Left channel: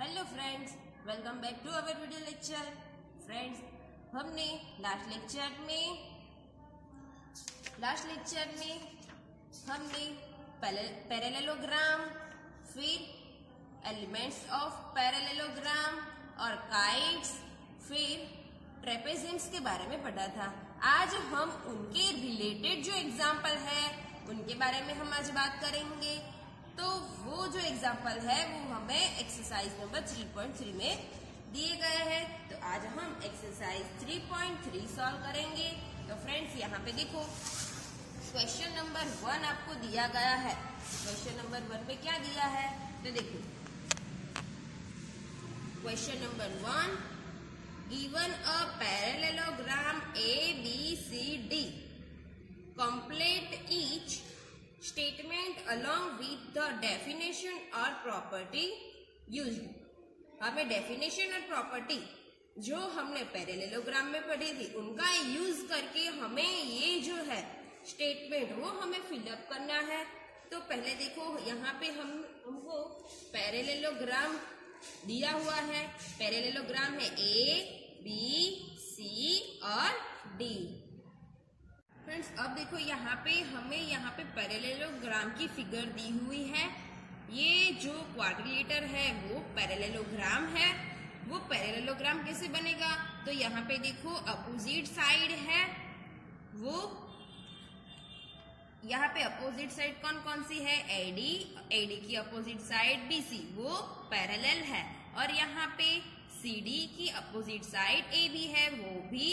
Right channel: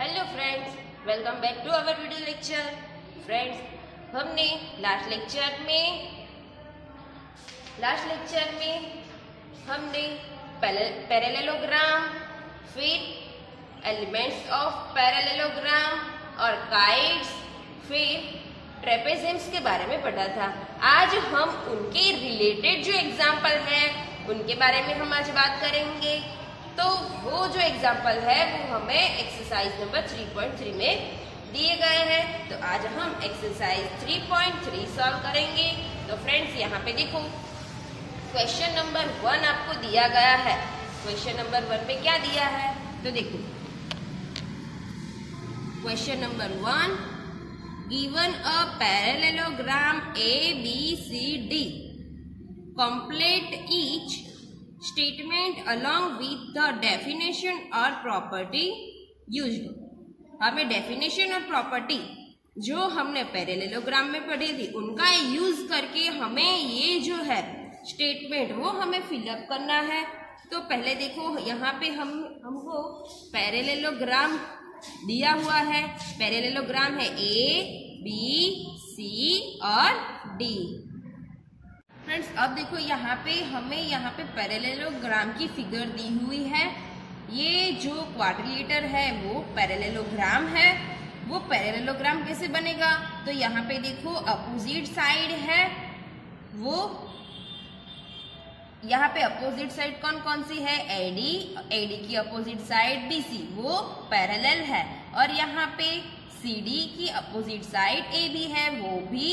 Hello friends, welcome back to our video lecture. Friends, हमने last lecture में हमने parallelogram, फिर एलिमेंट्स ऑफ पैरेललोग्राम और काइट्स, फिर ट्रेपेजियम्स के बारे में पढ़ा था। आज हम उनके रिलेटेड जो एग्जाम्पल है उनके बारे में हम आज बात करेंगे। तो वो जो एग्जाम्पल है वो हमें एक्सरसाइज नंबर 3.3 में दिए गए हैं। तो आज हम एक्सरसाइज 3.3 सॉल्व करेंगे। तो फ्रेंड्स, यहाँ पे देखो, क्वेश्चन नंबर 1 आपको दिया गया है। क्वेश्चन नंबर 1 पे क्या दिया है तो देखो, question number 1, given a parallelogram ABCD, complete each statement along with the definition or property used। हमें डेफिनेशन और प्रॉपर्टी जो हमने पैरेललोग्राम में पढ़ी थी उनका यूज करके हमें ये जो है स्टेटमेंट वो हमें फिलअप करना है। तो पहले देखो, यहाँ पे हमको पैरेललोग्राम दिया हुआ है। पैरेललोग्राम है ABC और D। फ्रेंड्स, अब देखो यहाँ पे पैरेललोग्राम की फिगर दी हुई है। ये जो क्वाड्रिलेटर है वो पैरेललोग्राम है। वो पैरेललोग्राम कैसे बनेगा तो यहाँ पे देखो, अपोजिट साइड है वो, यहाँ पे अपोजिट साइड कौन कौन सी है, AD की अपोजिट साइड BC, वो पैरेलल है। और यहाँ पे CD की अपोजिट साइड AB है, वो भी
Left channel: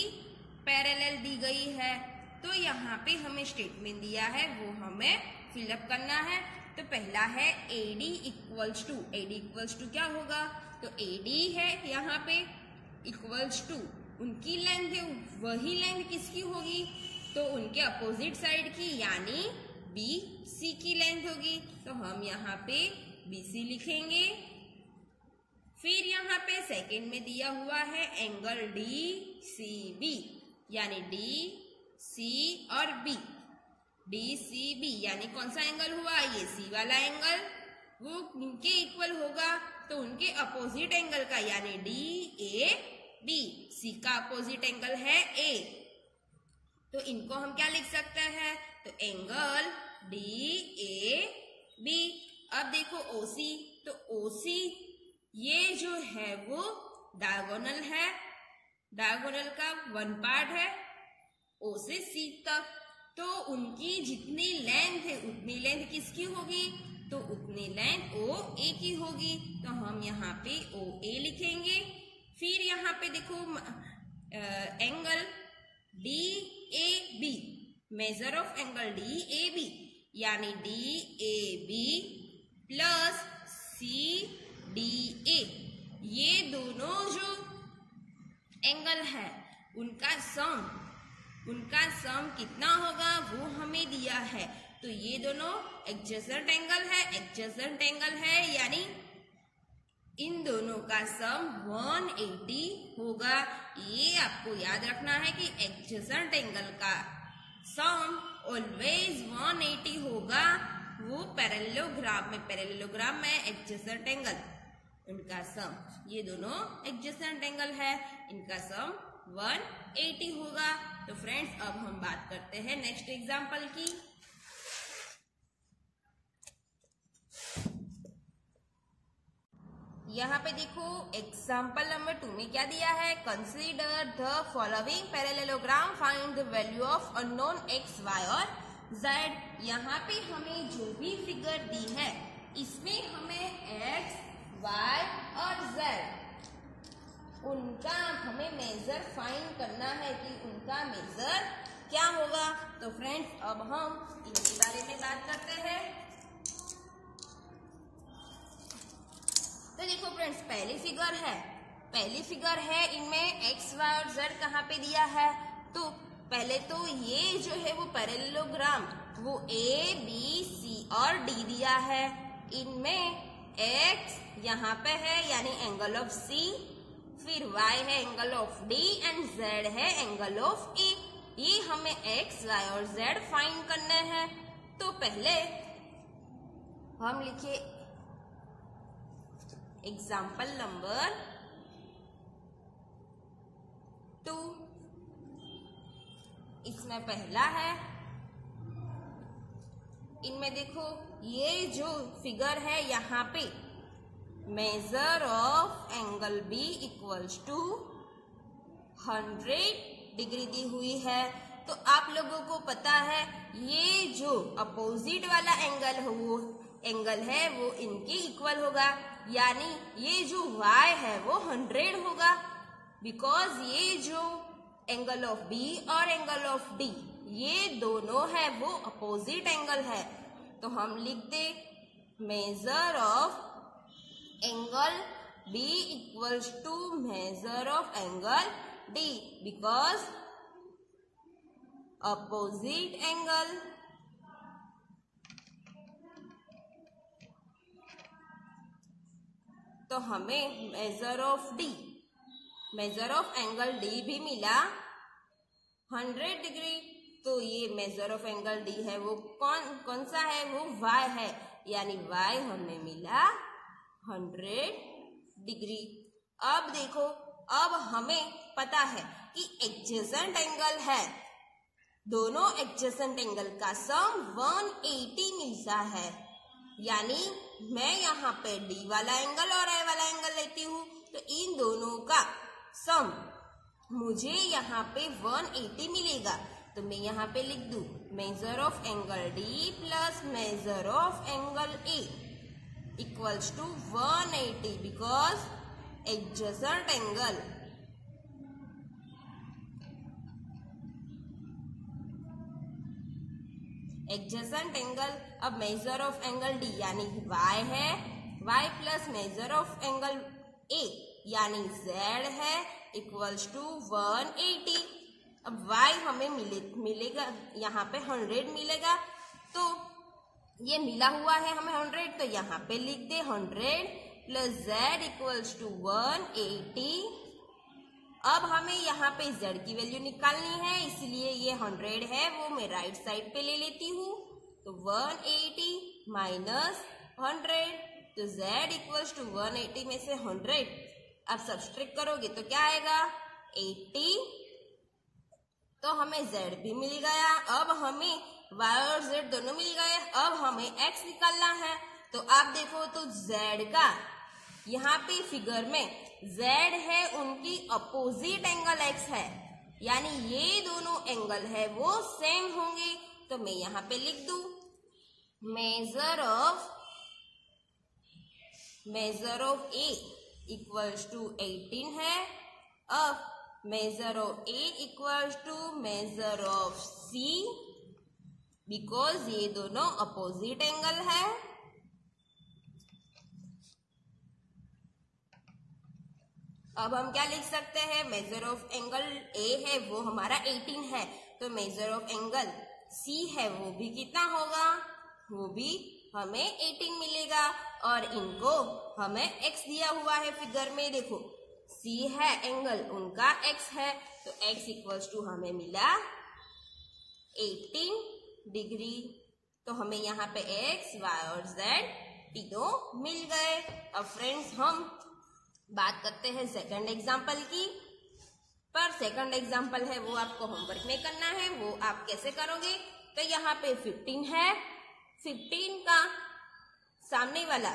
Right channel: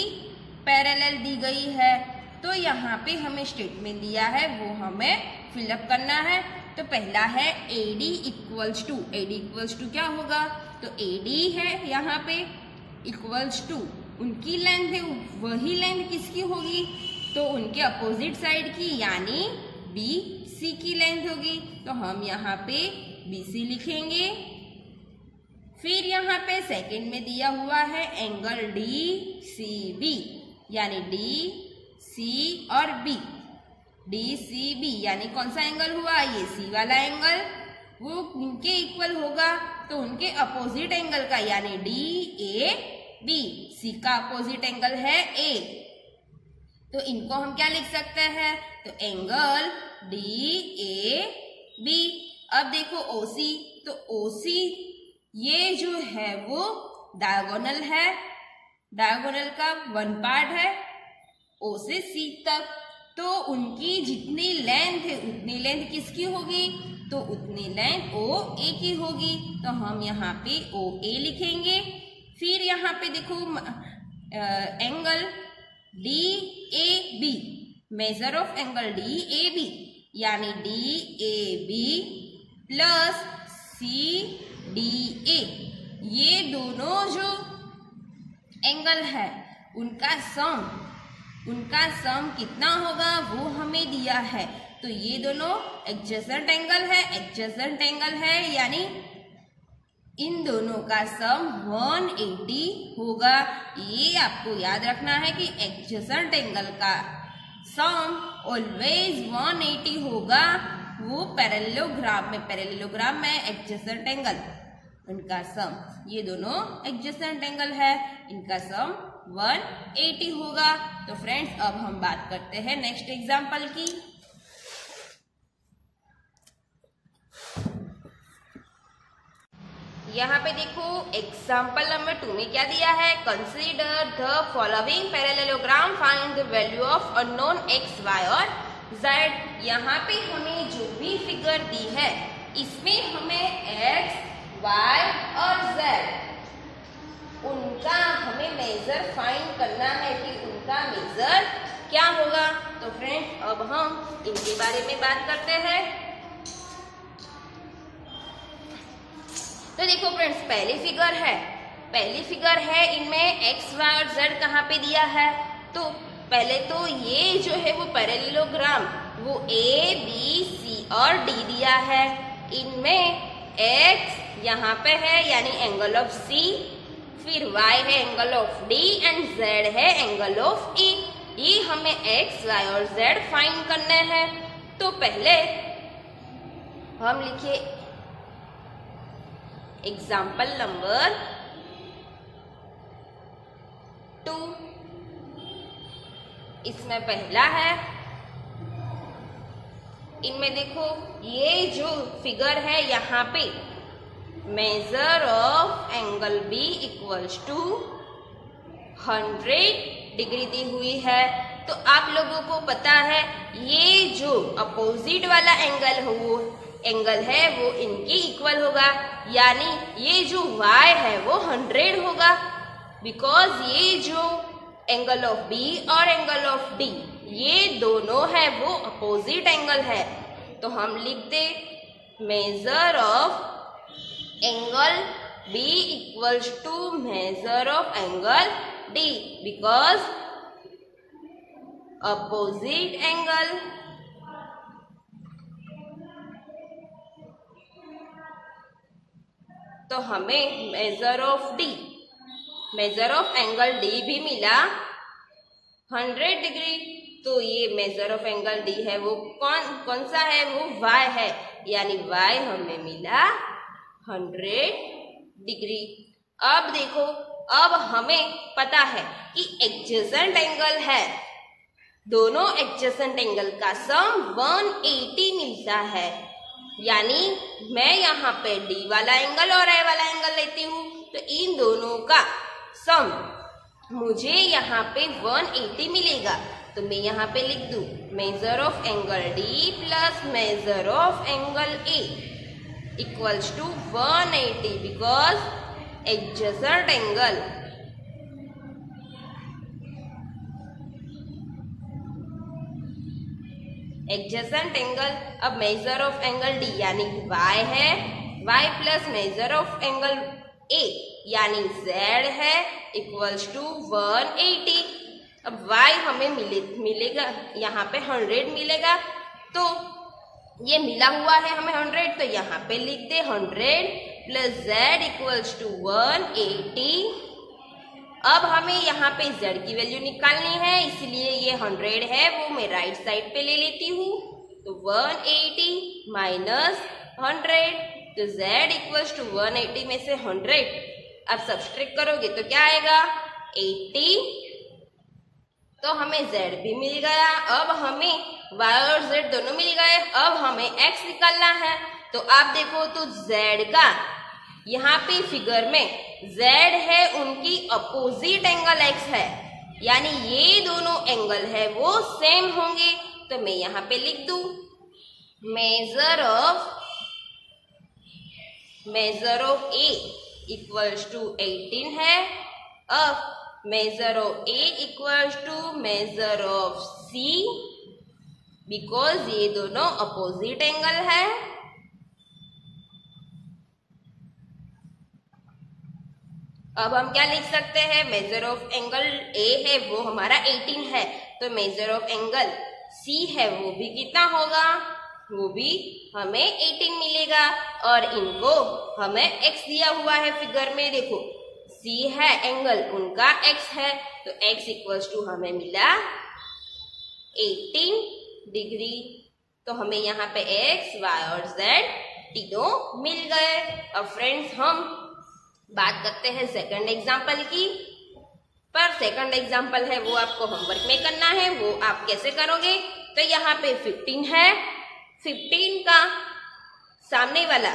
पैरेलल दी गई है। तो यहाँ पे हमें स्टेटमेंट दिया है वो हमें फिलअप करना है। तो पहला है AD इक्वल्स टू क्या होगा तो AD है यहाँ पे इक्वल्स टू, उनकी लेंथ है, वही लेंथ किसकी होगी तो उनके अपोजिट साइड की, यानी BC की लेंथ होगी। तो हम यहाँ पे BC लिखेंगे। फिर यहाँ पे सेकंड में दिया हुआ है एंगल DCB, यानी DC और B, DCB यानी कौन सा एंगल हुआ, ये C वाला एंगल, वो उनके इक्वल होगा तो उनके अपोजिट एंगल का, यानी DAB। C का अपोजिट एंगल है A, तो इनको हम क्या लिख सकते हैं तो एंगल DAB। अब देखो OC, तो OC ये जो है वो डायगोनल है, डायगोनल का वन पार्ट है O से C तक। तो उनकी जितनी लेंथ है उतनी लेंथ किसकी होगी तो उतनी लेंथ OA की होगी। तो हम यहाँ पे OA लिखेंगे। फिर यहाँ पे देखो angle DAB, major of angle DAB, यानी DAB प्लस CDA, ये दोनों जो एंगल है उनका सम कितना होगा वो हमें दिया है। तो ये दोनों एडजेसेंट एंगल है, यानी इन दोनों का सम 180 होगा। ये आपको याद रखना है कि एडजेसेंट एंगल का सम ऑलवेज 180 होगा। वो पैरेललोग्राम में एडजेसेंट एंगल, उनका सम, ये दोनों एडजेसेंट एंगल है, इनका सम 180 होगा। तो फ्रेंड्स, अब हम बात करते हैं नेक्स्ट एग्जांपल की। यहाँ पे देखो, एग्जांपल नंबर 2 में क्या दिया है, consider the following parallelogram, find the value of unknown x, y और z। यहाँ पे हमें जो भी फिगर दी है इसमें हमें x, y और z उनका हमें मेजर फाइंड करना है कि उनका मेजर क्या होगा। तो फ्रेंड्स, अब हम इनके बारे में बात करते हैं। तो देखो फ्रेंड्स, पहली फिगर है इनमें x, y और z कहाँ पे दिया है। तो पहले तो ये जो है वो पैरेललोग्राम वो A, B, C और D दिया है। इनमें x यहाँ पे है यानी एंगल ऑफ C, फिर y है angle of D and z है एंगल ऑफ E। ये हमें x, y और z फाइंड करने हैं। तो पहले हम लिखे एग्जाम्पल नंबर 2, इसमें पहला है, इनमें देखो ये जो फिगर है यहाँ पे measure of angle B equals to 100 degree दी हुई है। तो आप लोगों को पता है ये जो अपोजिट वाला एंगल है वो इनके इक्वल होगा, यानी ये जो y है वो 100 होगा, बिकॉज ये जो एंगल ऑफ B और एंगल ऑफ D ये दोनों है वो अपोजिट एंगल है। तो हम लिख दे measure of angle B equals to measure of angle D, because opposite angle तो हमें मेजर ऑफ एंगल D भी मिला 100 डिग्री। तो ये मेजर ऑफ एंगल D है वो कौन सा है, वो y है, यानी y हमें मिला 100 डिग्री। अब देखो, अब हमें पता है कि एडजेसेंट एंगल है, दोनों एडजेसेंट एंगल का सम 180 मिलता है, यानी मैं यहाँ पे D वाला एंगल और A वाला एंगल लेती हूँ, तो इन दोनों का सम मुझे यहाँ पे 180 मिलेगा। तो मैं यहाँ पे लिख दूँ measure of angle D plus measure of angle A equals to 180, because adjacent angle अब मेजर ऑफ एंगल D यानी y है, y plus measure of angle A यानी z है इक्वल्स टू 180। अब y हमें मिलेगा यहाँ पे 100 मिलेगा, तो ये मिला हुआ है हमें 100, तो यहाँ पे लिख दे 100 प्लस z इक्वल्स टू 180। अब हमें यहाँ पे z की वैल्यू निकालनी है, इसलिए ये 100 है वो मैं राइट साइड पे ले लेती हूँ। तो 180 माइनस 100, तो z इक्वल्स टू 180 में से 100 अब सब्सट्रैक्ट करोगे तो क्या आएगा 80, तो हमें z भी मिल गया। अब हमें y और z दोनों मिल गए, अब हमें x निकालना है। तो आप देखो तो z का यहाँ पे फिगर में z है उनकी अपोजिट एंगल x है, यानी ये दोनों एंगल है वो सेम होंगे। तो मैं यहाँ पे लिख दूं measure of A equals to 18 है। अब measure of A equals to measure of C, because ये दोनों अपोजिट एंगल है। अब हम क्या लिख सकते हैं, मेजर ऑफ एंगल A है वो हमारा 18 है, तो मेजर ऑफ एंगल C है वो भी कितना होगा, वो भी हमें 18 मिलेगा। और इनको हमें x दिया हुआ है फिगर में, देखो C है एंगल उनका x है, तो x इक्वल्स टू हमें मिला 18 डिग्री। तो हमें यहाँ पे x, y और z तीनों मिल गए। अब फ्रेंड्स हम बात करते हैं सेकंड एग्जाम्पल की, पर सेकंड एग्जाम्पल है वो आपको होमवर्क में करना है। वो आप कैसे करोगे, तो यहाँ पे 15 है, 15 का सामने वाला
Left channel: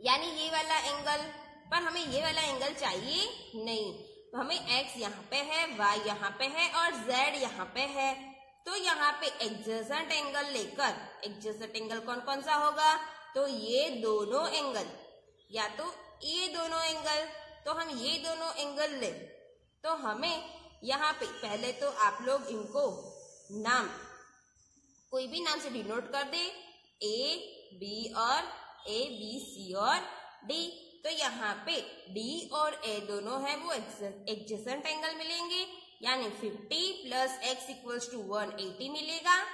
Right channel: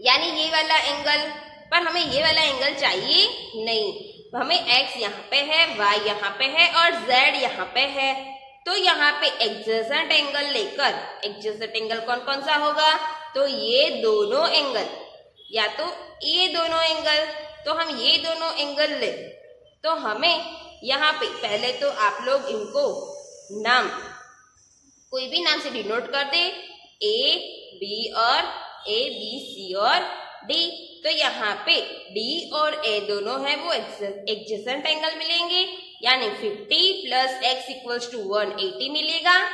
यानी ये वाला एंगल, पर हमें ये वाला एंगल चाहिए नहीं, हमें x यहाँ पे है, y यहाँ पे है और z यहाँ पे है। तो यहाँ पे एडजेसेंट एंगल लेकर, एडजेसेंट एंगल कौन कौन सा होगा, तो ये दोनों एंगल, या तो ये दोनों एंगल, तो हम ये दोनों एंगल ले, तो हमें यहाँ पे पहले तो आप लोग इनको नाम कोई भी नाम से डिनोट कर दे, A, B और A, B, C और D। तो यहाँ पे D और A दोनों है वो एडजेसेंट एंगल मिलेंगे, यानी 50 प्लस x इक्वल्स टू 180 मिलेगा,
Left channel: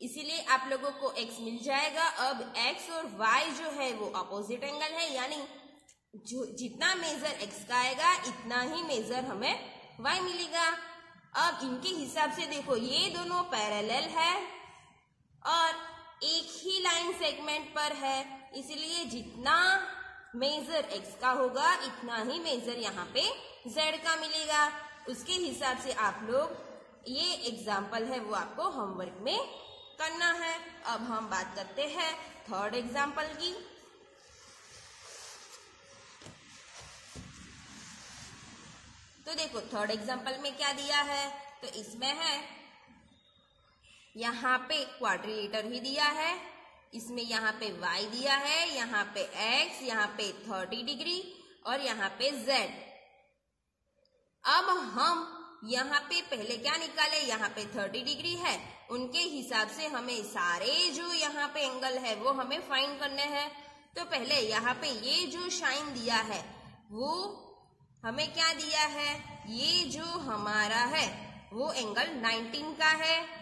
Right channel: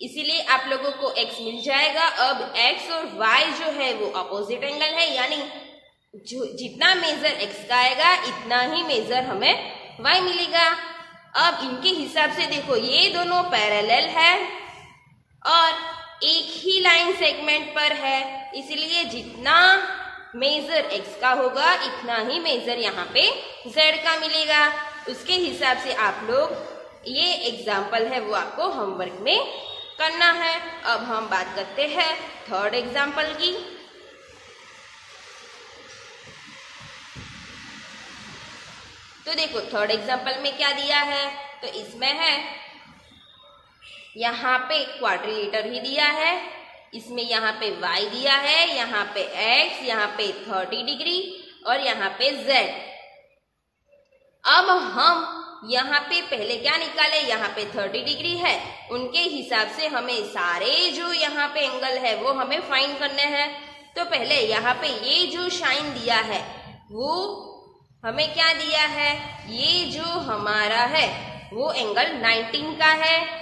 इसीलिए आप लोगों को x मिल जाएगा। अब x और y जो है वो अपोजिट एंगल है, यानी जो जितना मेजर x का आएगा इतना ही मेजर हमें y मिलेगा। अब इनके हिसाब से देखो ये दोनों पैरेलल है और एक ही लाइन सेगमेंट पर है, इसलिए जितना मेजर x का होगा इतना ही मेजर यहाँ पे z का मिलेगा। उसके हिसाब से आप लोग ये एग्जाम्पल है वो आपको होमवर्क में करना है। अब हम बात करते हैं थर्ड एग्जाम्पल की। तो देखो थर्ड एग्जाम्पल में क्या दिया है, तो इसमें है यहाँ पे क्वाड्रिलेटर ही दिया है, इसमें यहाँ पे y दिया है, यहाँ पे x, यहाँ पे 30 डिग्री और यहाँ पे z। अब हम यहाँ पे पहले क्या निकाले, यहाँ पे 30 डिग्री है, उनके हिसाब से हमें सारे जो यहाँ पे एंगल है वो हमें फाइंड करने हैं। तो पहले यहाँ पे ये जो साइन दिया है वो हमें क्या दिया है, ये जो हमारा है वो एंगल 19 का है।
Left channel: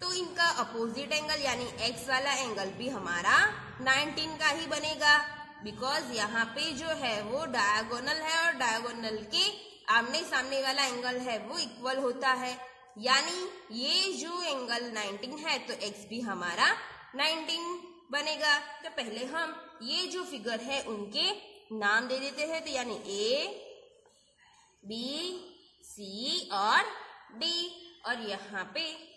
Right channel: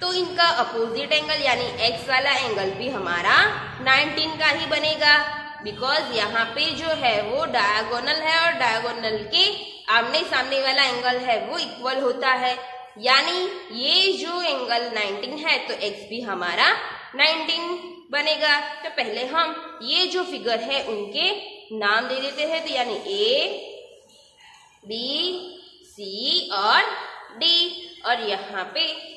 तो इनका अपोजिट एंगल यानी x वाला एंगल भी हमारा 19 का ही बनेगा, बिकॉज यहाँ पे जो है वो डायगोनल है और डायगोनल के आमने सामने वाला एंगल है वो इक्वल होता है। यानी ये जो एंगल 19 है तो x भी हमारा 19 बनेगा। तो पहले हम ये जो फिगर है उनके नाम दे देते हैं, तो यानी A, B, C और D। और यहाँ पे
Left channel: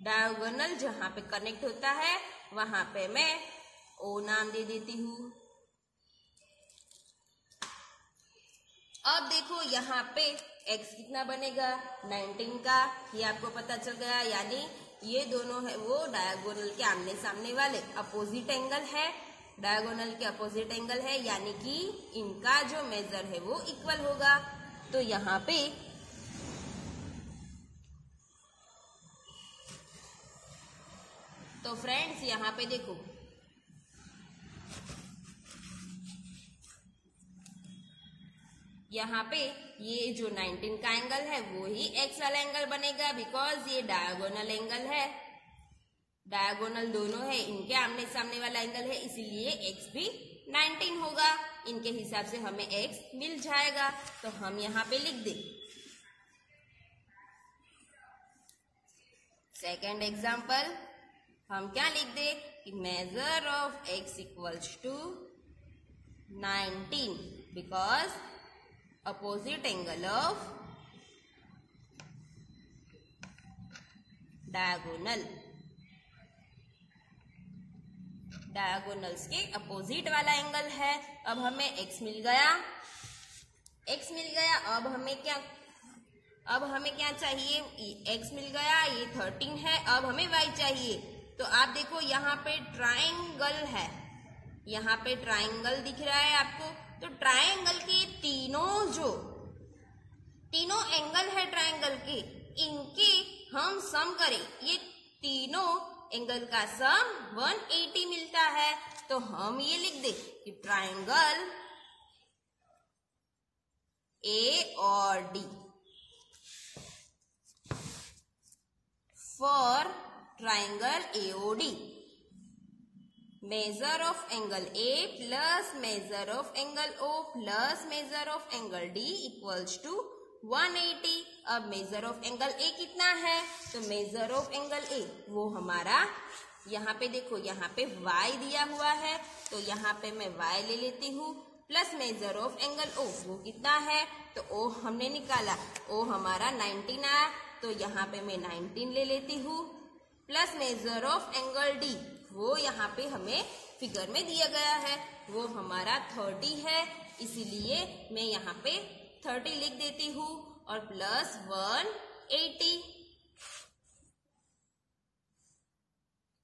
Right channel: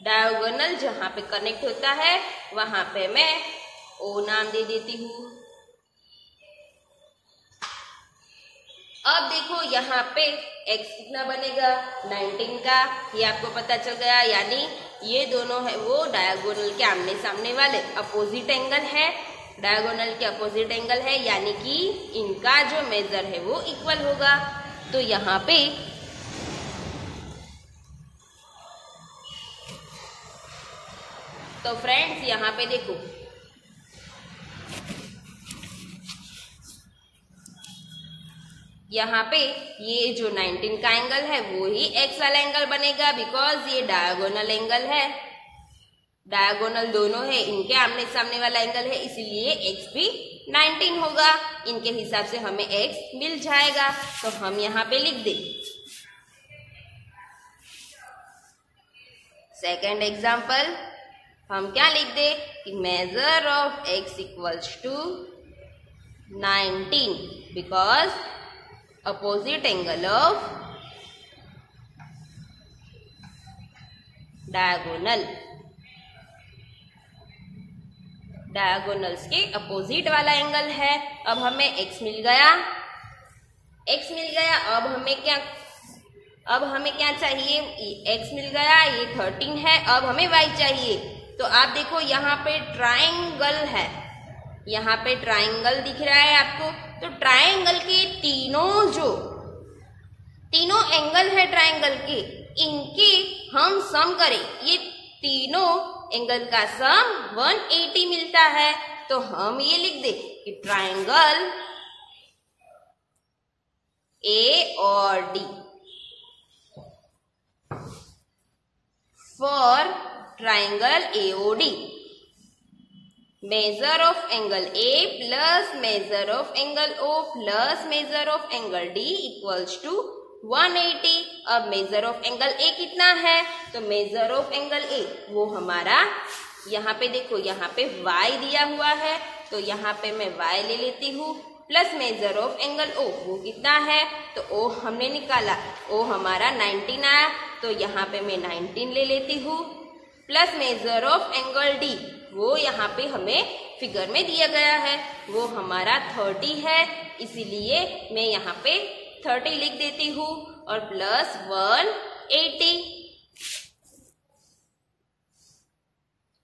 डायगोनल जहाँ पे कनेक्ट होता है वहां पे मैं O नाम दे देती हूँ। अब देखो यहाँ पे x कितना बनेगा 19 का, ये आपको पता चल गया। यानी ये दोनों है वो डायगोनल के आमने सामने वाले अपोजिट एंगल है, डायगोनल के अपोजिट एंगल है, यानी कि इनका जो मेजर है वो इक्वल होगा। तो यहाँ पे तो फ्रेंड्स यहाँ पे देखो यहाँ पे ये जो 19 का एंगल है वो ही x वाला एंगल बनेगा, बिकॉज ये डायगोनल एंगल है, डायगोनल दोनों है, इनके आमने सामने वाला एंगल है, इसीलिए x भी 19 होगा। इनके हिसाब से हमें x मिल जाएगा। तो हम यहाँ पे लिख दे सेकेंड एग्जाम्पल। हम क्या लिख दे कि measure of x equals to 19 because opposite angle of diagonals के अपोजिट वाला एंगल है। अब हमें x मिल गया, अब हमें क्या चाहिए, x मिल गया, ये 13 है। अब हमें y चाहिए। तो आप देखो यहाँ पे ट्रायंगल है, यहाँ पे ट्रायंगल दिख रहा है आपको। तो ट्रायंगल के तीनों एंगल है ट्रायंगल के, इनके हम सम करें, ये तीनों एंगल का सम 180 मिलता है। तो हम ये लिख दे कि ट्रायंगल A और D for triangle AOD measure of angle A plus measure of angle O plus measure of angle D equals to 180। अब मेजर ऑफ एंगल A कितना है, तो मेजर ऑफ एंगल A वो हमारा यहाँ पे देखो, यहाँ पे y दिया हुआ है, तो यहाँ पे मैं y ले लेती हूँ, plus measure of angle O वो कितना है, तो O हमने निकाला, O हमारा 19 आया, तो यहाँ पे मैं 19 ले लेती हूँ, plus measure of angle D वो यहाँ पे हमें फिगर में दिया गया है, वो हमारा 30 है, इसीलिए मैं यहाँ पे 30 लिख देती हूँ और प्लस 180।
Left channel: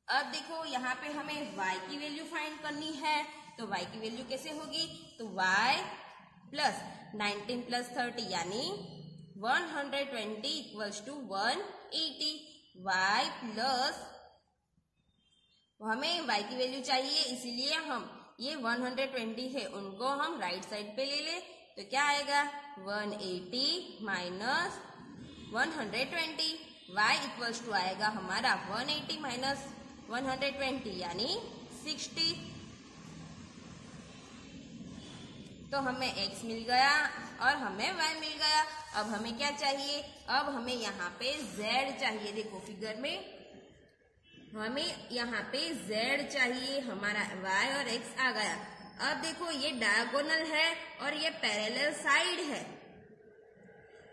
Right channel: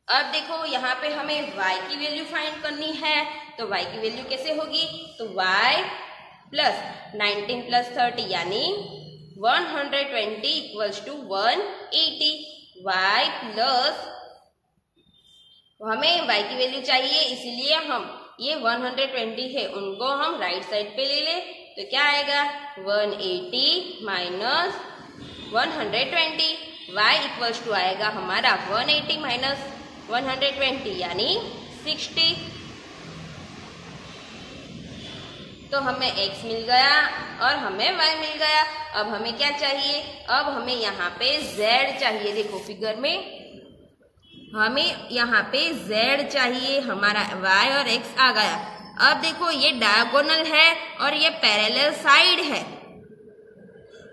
अब देखो यहाँ पे हमें y की वैल्यू फाइंड करनी है, तो y की वैल्यू कैसे होगी, तो y प्लस 19 प्लस 30 यानी 120 इक्वल्स टू 180। y प्लस हमें y की वैल्यू चाहिए, इसीलिए हम ये 120 है उनको हम राइट साइड पे ले ले, तो क्या आएगा 180 माइनस 120, y इक्वल्स टू आएगा हमारा 180 माइनस 120 यानी 60। तो हमें x मिल गया और हमें y मिल गया। अब हमें क्या चाहिए, अब हमें यहाँ पे z चाहिए। देखो फिगर में हमें यहाँ पे z चाहिए, हमारा y और x आ गया। अब देखो ये डायगोनल है और ये पैरेलल साइड है,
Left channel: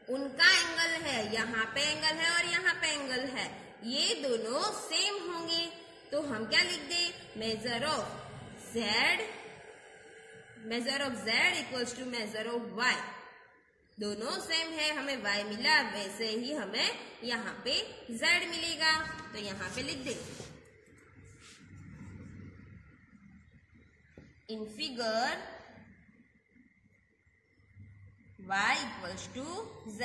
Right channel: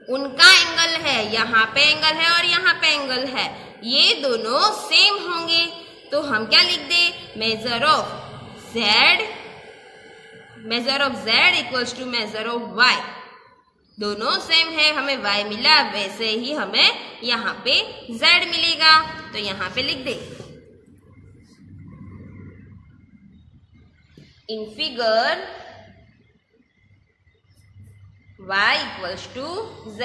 उनका एंगल है, यहाँ पे एंगल है और यहाँ पे एंगल है, ये दोनों सेम होंगे। तो हम क्या लिख दे, measure of z equals to measure of y, दोनों सेम है, हमें y मिला, वैसे ही हमें यहाँ पे z मिलेगा। तो यहाँ पे लिख दे, in figure y equals to z,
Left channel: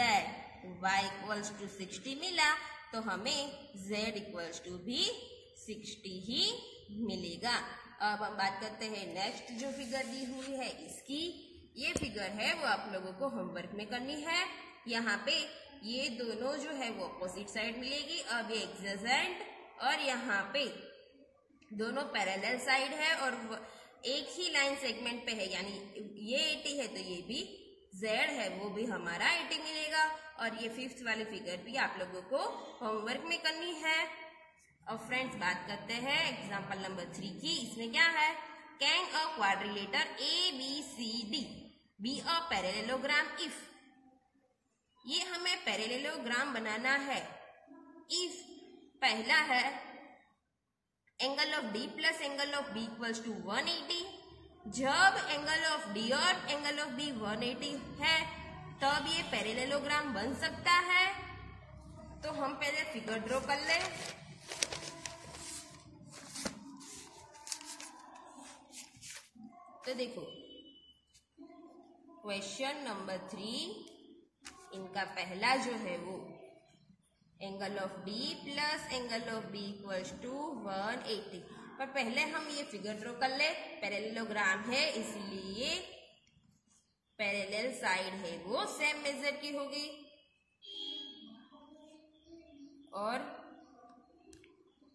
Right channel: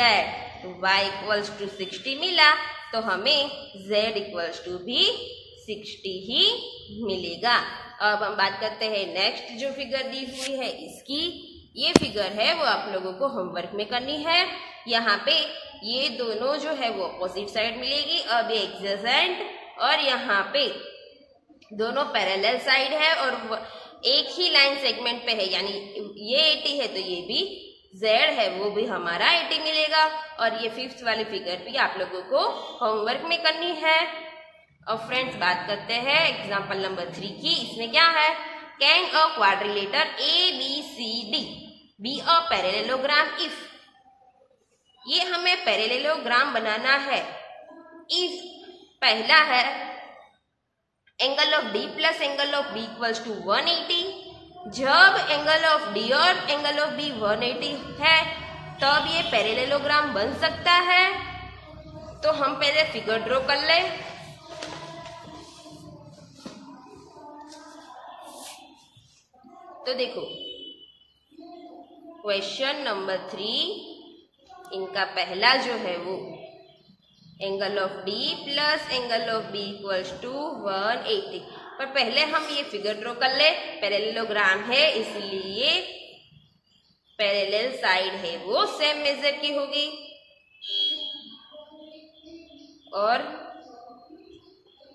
तो y इक्वल्स टू 60 मिला, तो हमें z इक्वल्स टू भी 60 ही मिलेगा। अब हम बात करते हैं नेक्स्ट जो फिगर दी हुई है इसकी। ये फिगर है वो आप लोगों को होमवर्क में करनी है। यहाँ पे ये दोनों जो है वो अपोजिट साइड मिलेगी। अब ये एडजेसेंट और यहाँ पे दोनों पैरेलल साइड है और एक ही लाइन सेगमेंट पे है, यानी ये 80 है तो ये भी z है वो भी हमारा 80 मिलेगा। और ये फिफ्थ वाली फिगर भी आप लोगों को होमवर्क में करनी है। अब फ्रेंड्स बात करते हैं एग्जाम्पल नंबर 3 की। इसमें क्या है, can a quadrilateral ABCD be a parallelogram if, ये हमें पैरेललोग्राम बनाना है। इफ पहला है angle of D plus angle of B equals to 180, जब एंगल ऑफ D और एंगल ऑफ B 180 है तब ये पैरेललोग्राम बन सकता है। तो हम पहले फिगर ड्रॉ कर ले। तो देखो क्वेश्चन नंबर 3, इनका पहला जो है वो angle of D plus angle of B equals to 180, पर पहले हम ये फिगर ड्रॉ कर ले। पैरेललोग्राम है इसलिए पैरेलल साइड है वो सेम मेजर की होगी और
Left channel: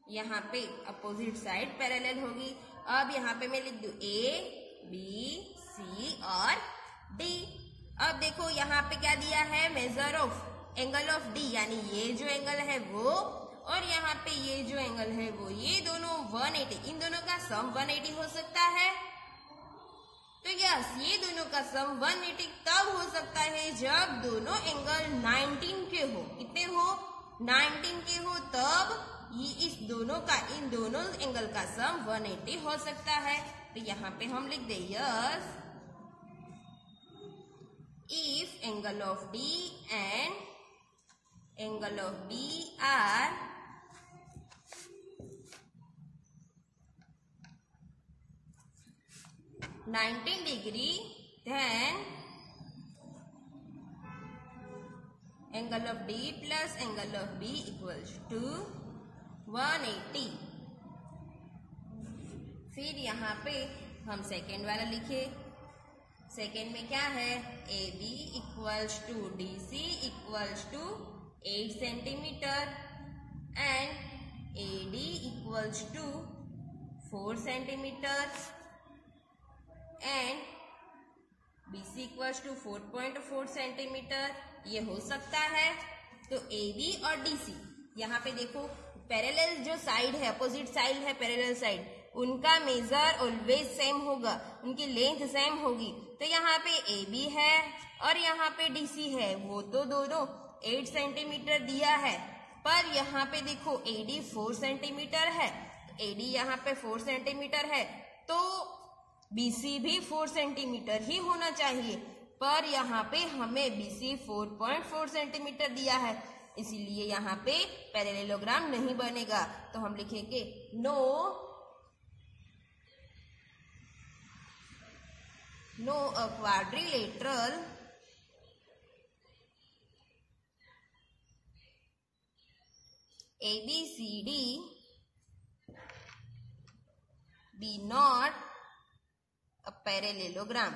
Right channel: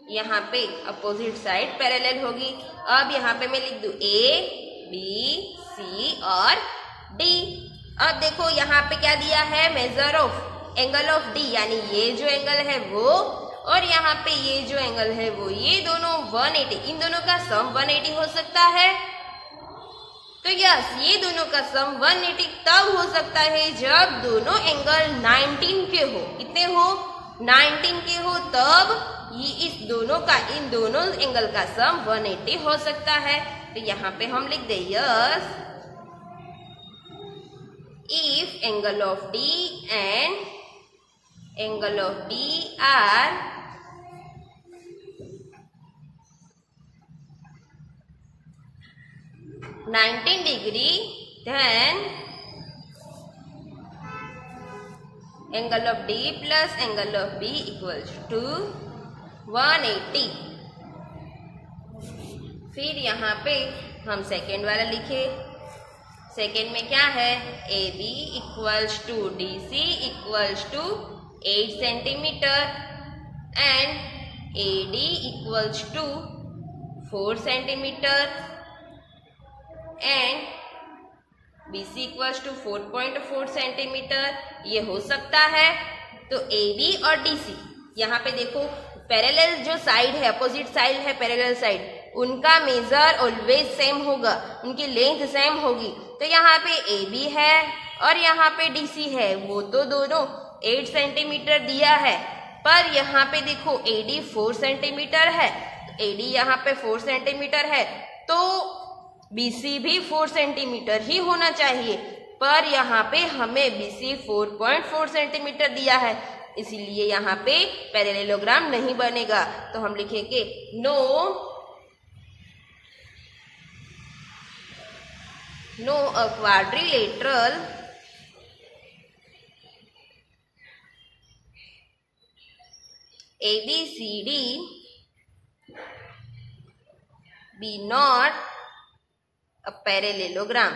यहाँ पे अपोजिट साइड पैरेलल होगी। अब यहाँ पे मैं लिख दूं A B C और D। अब देखो यहाँ पे क्या दिया है, major of angle of D, यानी ये जो एंगल है वो और यहाँ पे ये जो एंगल है वो, ये दोनों 180, इन दोनों का सम 180 हो सकता है। तो यस, ये दोनों का सम 180 तब हो सकता है जब दोनों एंगल 19 के हो। कितने हो, 19 के हो, तब ये इस दोनों का, इन दोनों एंगल का सम 180 हो सकता है। तो यहाँ पे हम लिख दे yes, if angle of D and angle of B are $19 then angle of D plus angle of B equals to 180। फिर यहाँ पे हम सेकेंड वाला लिखे। सेकेंड में क्या है, AB equals to DC equals to 8 centimetre and AD equals to 4 centimetre and BC equals to 4.4 centimetre, ये हो सकता है। तो AB और DC, यहाँ पे देखो पैरेलल जो साइड है, अपोजिट साइड है पैरेलल साइड, उनका मेजर ऑलवेज सेम होगा, उनकी लेंथ सेम होगी। तो यहाँ पे AB है और यहाँ पे DC है, वो तो दोनों 8 सेंटीमीटर दिया है, पर यहाँ पे देखो AD 4 सेंटीमीटर है, तो AD यहाँ पे 4 सेंटीमीटर है, तो BC भी 4 सेंटीमीटर ही होना चाहिए, पर यहाँ पे हमें BC 4.4 सेंटीमीटर दिया है, इसीलिए यहाँ पे पैरेललोग्राम नहीं बनेगा। तो हम लिखेंगे no a quadrilateral ABCD be not a parallelogram।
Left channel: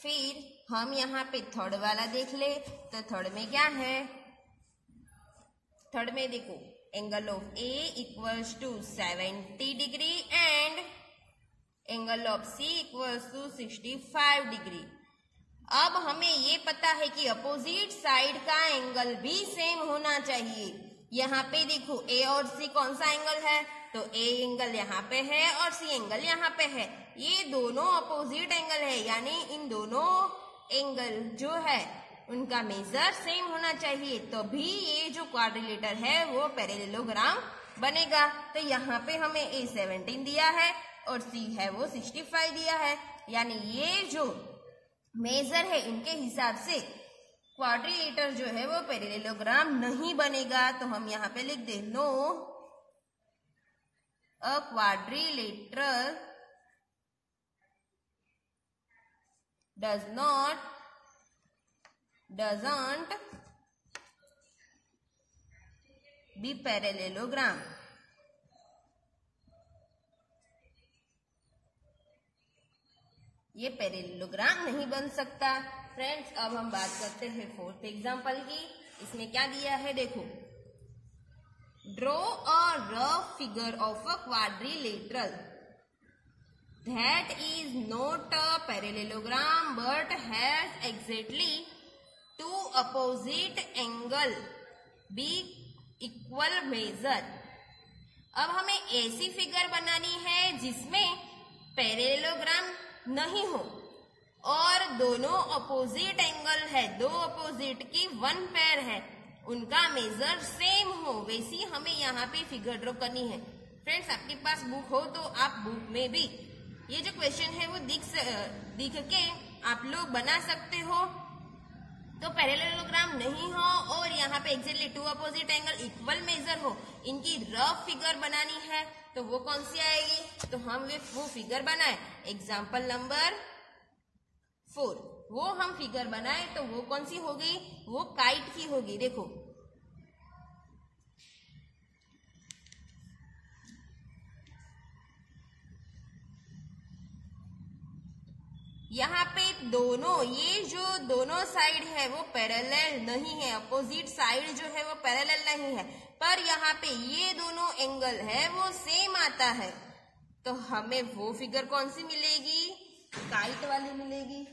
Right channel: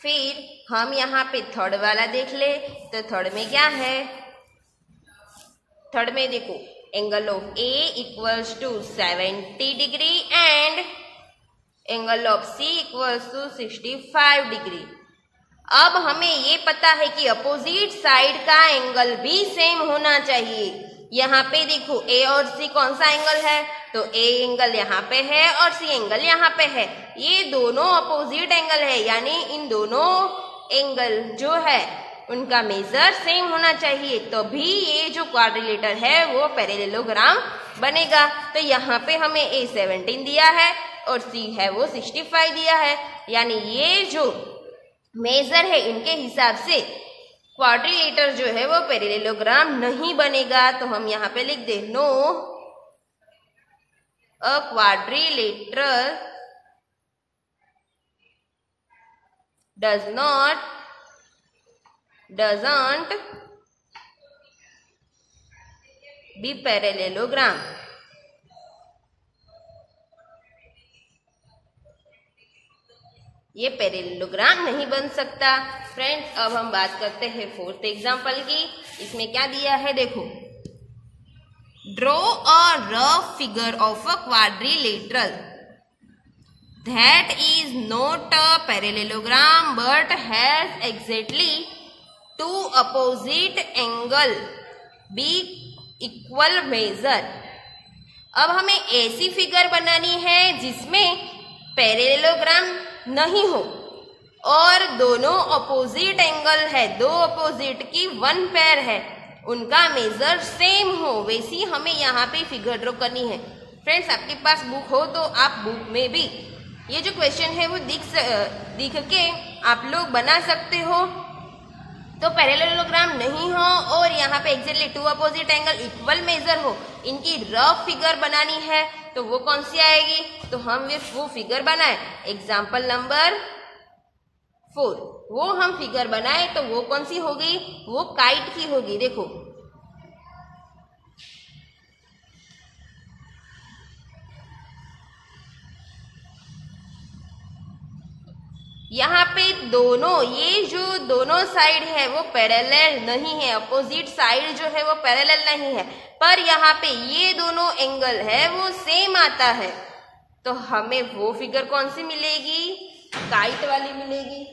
फिर हम यहाँ पे थर्ड वाला देख ले। तो थर्ड में क्या है, थर्ड में देखो angle of A equals to 70 degree and angle of C equals to 65 degree. अब हमें ये पता है कि अपोजिट साइड का एंगल भी सेम होना चाहिए, यहाँ पे देखो ए और सी कौन सा एंगल है, तो ए एंगल यहाँ पे है और सी एंगल यहाँ पे है। ये दोनों अपोजिट एंगल है, यानी इन दोनों एंगल जो है उनका मेजर सेम होना चाहिए, तभी ये जो क्वाड्रिलेटर है वो पैरेललोग्राम बनेगा। तो यहाँ पे हमें ए 17 दिया है और सी है वो 65 दिया है, यानी ये जो मेजर है इनके हिसाब से क्वाड्रिलेटर जो है वो पैरेललोग्राम नहीं बनेगा। तो हम यहाँ पे लिख they know a quadrilateral doesn't be parallelogram। ये पैरेललोग्राम नहीं बन सकता। फ्रेंड्स, अब हम बात करते हैं फोर्थ एग्जाम्पल की। इसमें क्या दिया है देखो, draw a rough figure of a quadrilateral that is not a parallelogram but has exactly two opposite angle be equal measure। अब हमें ऐसी फिगर बनानी है जिसमें पैरेललोग्राम नहीं हो और दोनों अपोजिट एंगल है, दो अपोजिट की वन पेयर है, उनका मेजर सेम हो, वैसी हमें यहाँ पे फिगर ड्रॉ करनी है। फ्रेंड्स, आपके पास बुक हो तो आप बुक में भी ये जो क्वेश्चन है वो दिख के आप लोग बना सकते हो। तो पैरेललोग्राम नहीं हो और यहाँ पे exactly two opposite angle equal measure हो, इनकी रफ फिगर बनानी है, तो वो कौन सी आएगी, तो हम वो फिगर बनाए। एग्जाम्पल नंबर 4 वो हम फिगर बनाए तो वो कौन सी होगी, वो काइट की होगी। देखो यहाँ पे दोनों, ये जो दोनों साइड है वो पैरेलल नहीं है, अपोजिट साइड जो है वो पैरेलल नहीं है, पर यहाँ पे ये दोनों एंगल है वो सेम आता है, तो हमें वो फिगर कौन सी मिलेगी, काइट वाली मिलेगी।